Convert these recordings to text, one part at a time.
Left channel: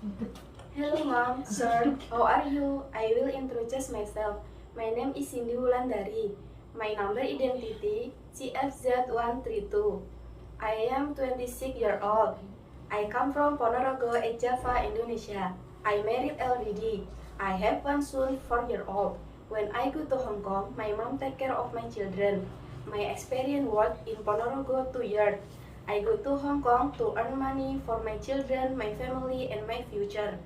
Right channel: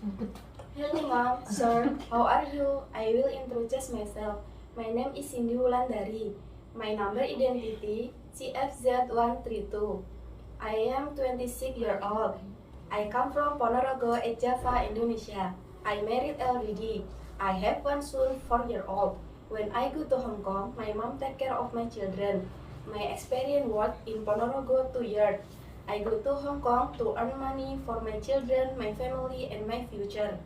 Hello mom, sir, how are you? I will introduce myself. My name is Cindy Wulandari. My number identity CFZ132. I am 26 years old. I come from Ponorogo, Java, Indonesia. I married already. I have one son, 4 years old. When I go to Hong Kong, my mom take care of my children. My experience work in Ponorogo 2 years. I go to Hong Kong to earn money for my children, my family, and my future.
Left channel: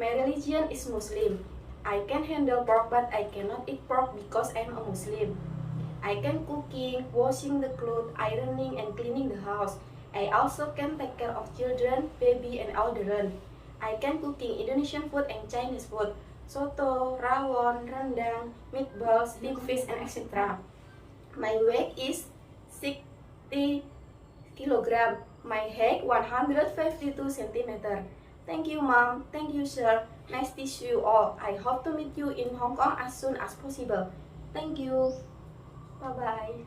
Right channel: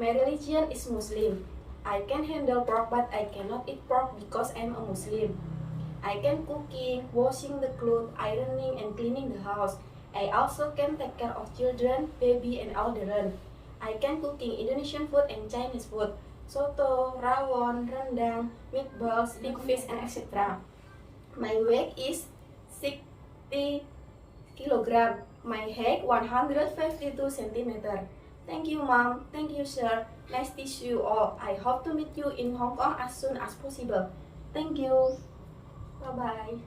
My religion is Muslim. I can handle pork but I cannot eat pork because I am a Muslim. I can cooking, washing the clothes, ironing and cleaning the house. I also can take care of children, baby and elderly. I can cooking Indonesian food and Chinese food. Soto, rawon, rendang, meatballs, big fish and etc. My weight is 60 kilogram. My height 152 centimeter. Thank you, mom. Thank you, sir. Nice to see you all. I hope to meet you in Hong Kong as soon as possible. Thank you. Bye-bye.